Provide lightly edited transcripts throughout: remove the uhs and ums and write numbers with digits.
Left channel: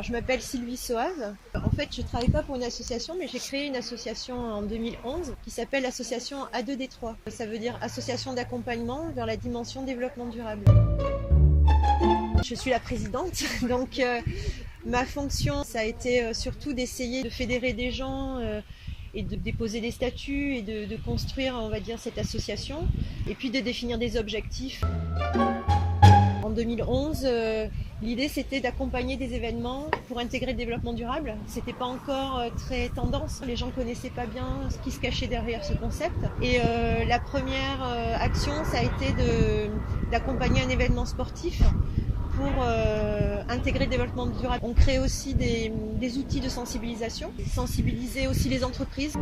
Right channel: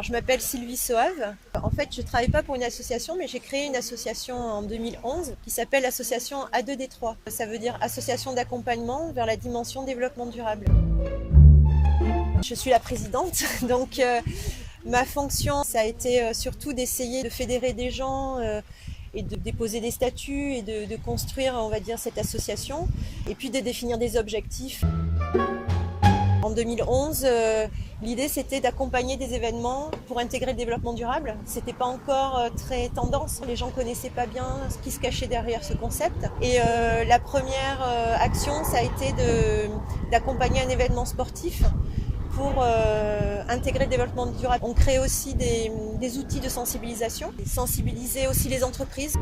Alors, je m'appelle Sylvie Soave. En fait, je ne travaille pas pour une association, mais j'ai créé une association en 2011 qui s'appelle l'association A2D3. Ça veut dire Association d'accompagnement vers la dimension développement durable. Je suis la présidente, donc ma fonction, ça a été surtout d'essayer de fédérer des gens et de déposer des statuts et de construire, on va dire, cette association, et puis de définir des objectifs. En 2011, l'idée c'était d'accompagner des événements pour intégrer le développement durable. C'était pas encore très tendance, les gens connaissaient pas bien ce qui se cachait derrière ce concept. Et la première action, ça a été d'accompagner un événement sportif pour intégrer le développement durable. On crée aussi des outils de sensibilisation, sensibiliser aussi les entreprises.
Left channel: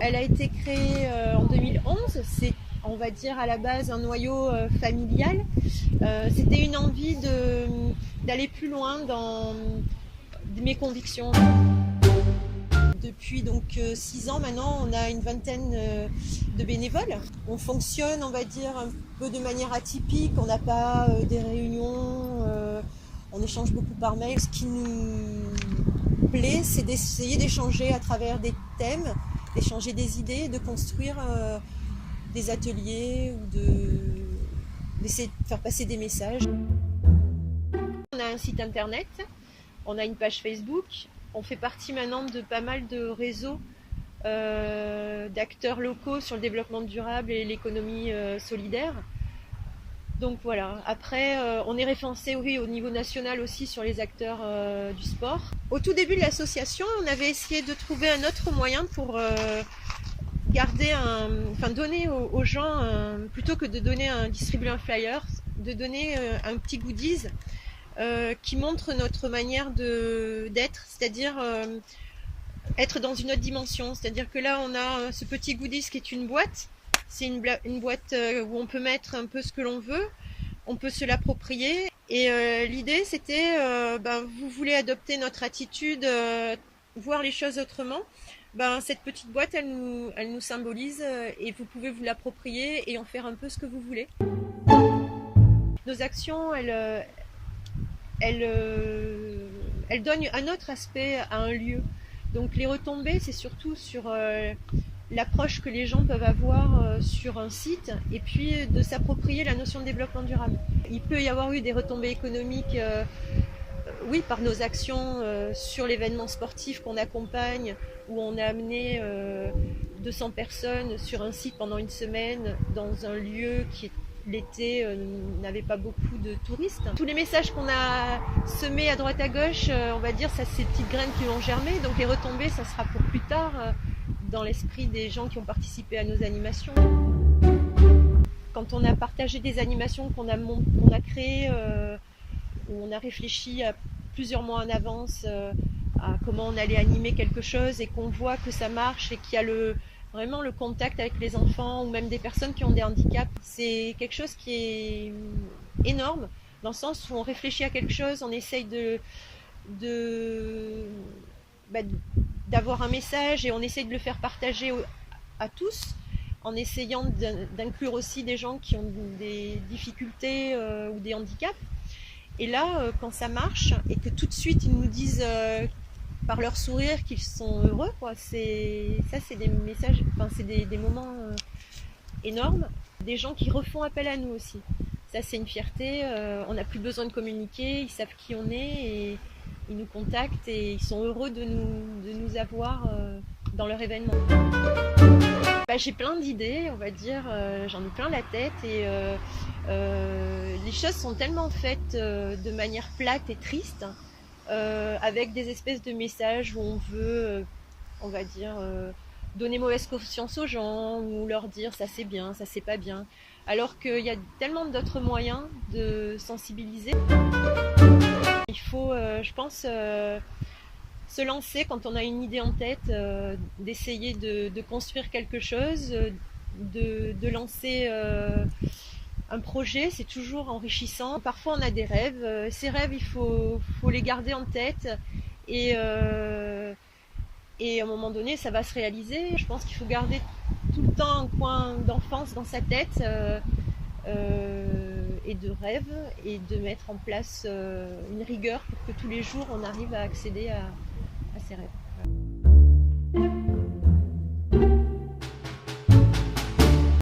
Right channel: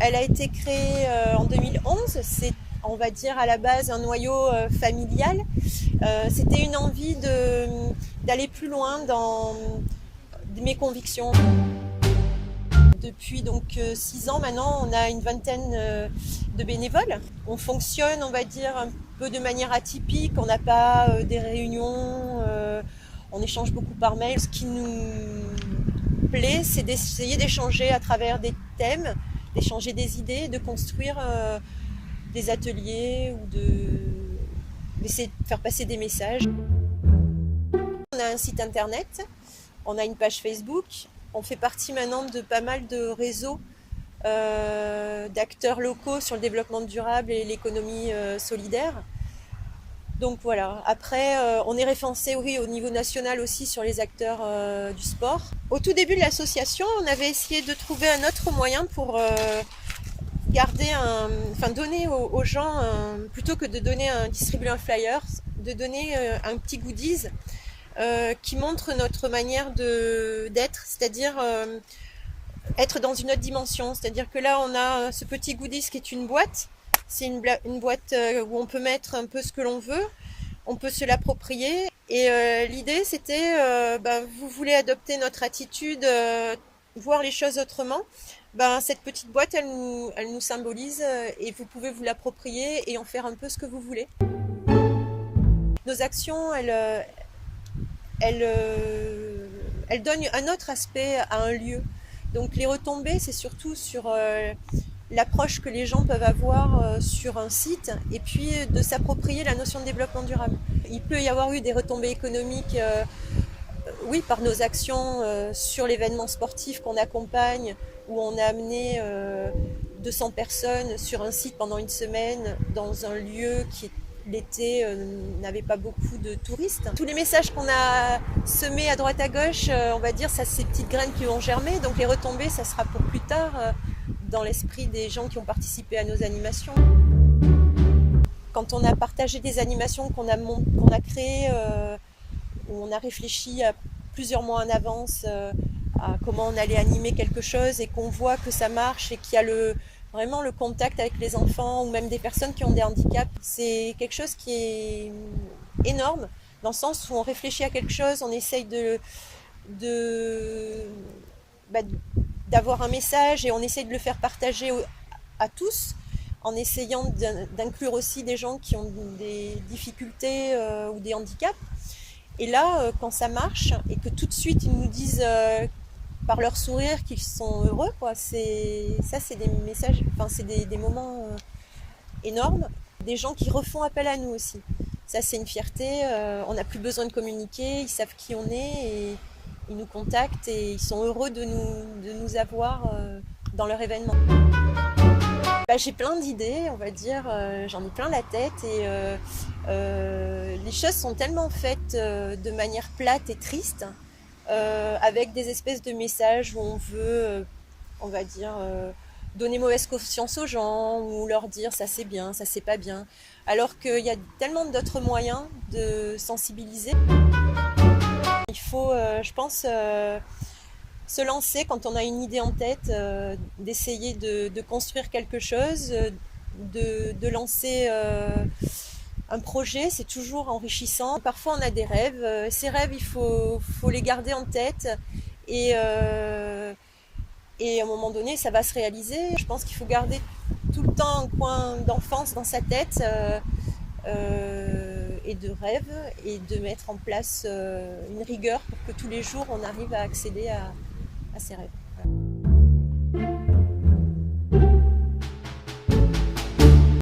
Elle a été créée en 2011, c'est, on va dire, à la base un noyau familial. C'était une envie d'aller plus loin dans mes convictions. Depuis donc 6 ans maintenant, on a une vingtaine de bénévoles. On fonctionne, on va dire, un peu de manière atypique. On n'a pas des réunions, on échange beaucoup par mail. Ce qui nous plaît, c'est d'essayer d'échanger à travers des thèmes, d'échanger des idées, de construire des ateliers ou d'essayer de faire passer des messages. On a un site internet, on a une page Facebook. On fait partie maintenant de pas mal de réseaux d'acteurs locaux sur le développement durable et l'économie solidaire. Donc voilà, après on est référencé, oui, au niveau national aussi sur les acteurs du sport. Au tout début de l'association, on avait essayé de trouver un autre moyen pour donner aux gens, plutôt que de distribuer un flyer, de donner un petit goodies qui montre notre manière d'être, c'est-à-dire être dans une autre dimension. C'est-à-dire que là, on a ce petit goodies qui est une boîte. C'est une boîte où on peut mettre un peu ce que l'on veut, on peut se l'approprier. Et l'idée, c'était, vous voulez adopter notre attitude, voir les choses autrement. Cette petite boîte, elle nous symbolise et vous pouvez vous l'approprier et en faire un peu ce que vous voulez. Nos actions, elles donnent un autre aspect à un lieu. Donc les retombées, c'est surtout sur l'approche que les gens peuvent avoir sur un site et puis de s'approprier la notion de développement durable. Il peut y avoir eu des retombées économiques, oui, par nos actions sur l'événement sportif qu'on accompagne, où on a amené 200 personnes sur un site pendant une semaine dans un lieu qui l'été n'avait pas beaucoup de touristes. Tous les messages qu'on a semés à droite à gauche, on va dire, ça c'est des petites graines qui ont germé, donc les retombées, ça sera pour plus tard dans l'esprit des gens qui ont participé à nos animations. Quand on a partagé des animations qu'on a créées, où on a réfléchi à plusieurs mois en avance à comment on allait animer quelque chose et qu'on voit que ça marche et qu'il y a vraiment le contact avec les enfants ou même des personnes qui ont des handicaps, c'est quelque chose qui est énorme, dans le sens où on réfléchit à quelque chose, on essaye d'avoir un message et on essaye de le faire partager à tous, en essayant d'inclure aussi des gens qui ont des difficultés ou des handicaps. Et là, quand ça marche et que tout de suite ils nous disent par leur sourire qu'ils sont heureux, quoi. C'est des messages, c'est des moments énormes. Des gens qui refont appel à nous aussi. Ça, c'est une fierté. On n'a plus besoin de communiquer, ils savent qui on est et ils nous contactent et ils sont heureux de nous avoir dans leur événement. J'ai plein d'idées, on va dire, j'en ai plein la tête et les choses sont tellement faites de manière plate et triste, avec des espèces de messages où on veut, on va dire, donner mauvaise conscience aux gens ou leur dire ça c'est bien, ça c'est pas bien, alors qu'il y a tellement d'autres moyens de sensibiliser. Il faut, je pense, se lancer quand on a une idée en tête, d'essayer de construire quelque chose, de lancer un projet, c'est toujours enrichissant. Parfois on a des rêves, ces rêves il faut les garder en tête et à un moment donné ça va se réaliser. Je pense qu'il faut garder tout le temps un coin d'enfance dans sa tête et de rêve et de mettre en place une rigueur pour que tous les jours on arrive à accéder à ces rêves. Voilà.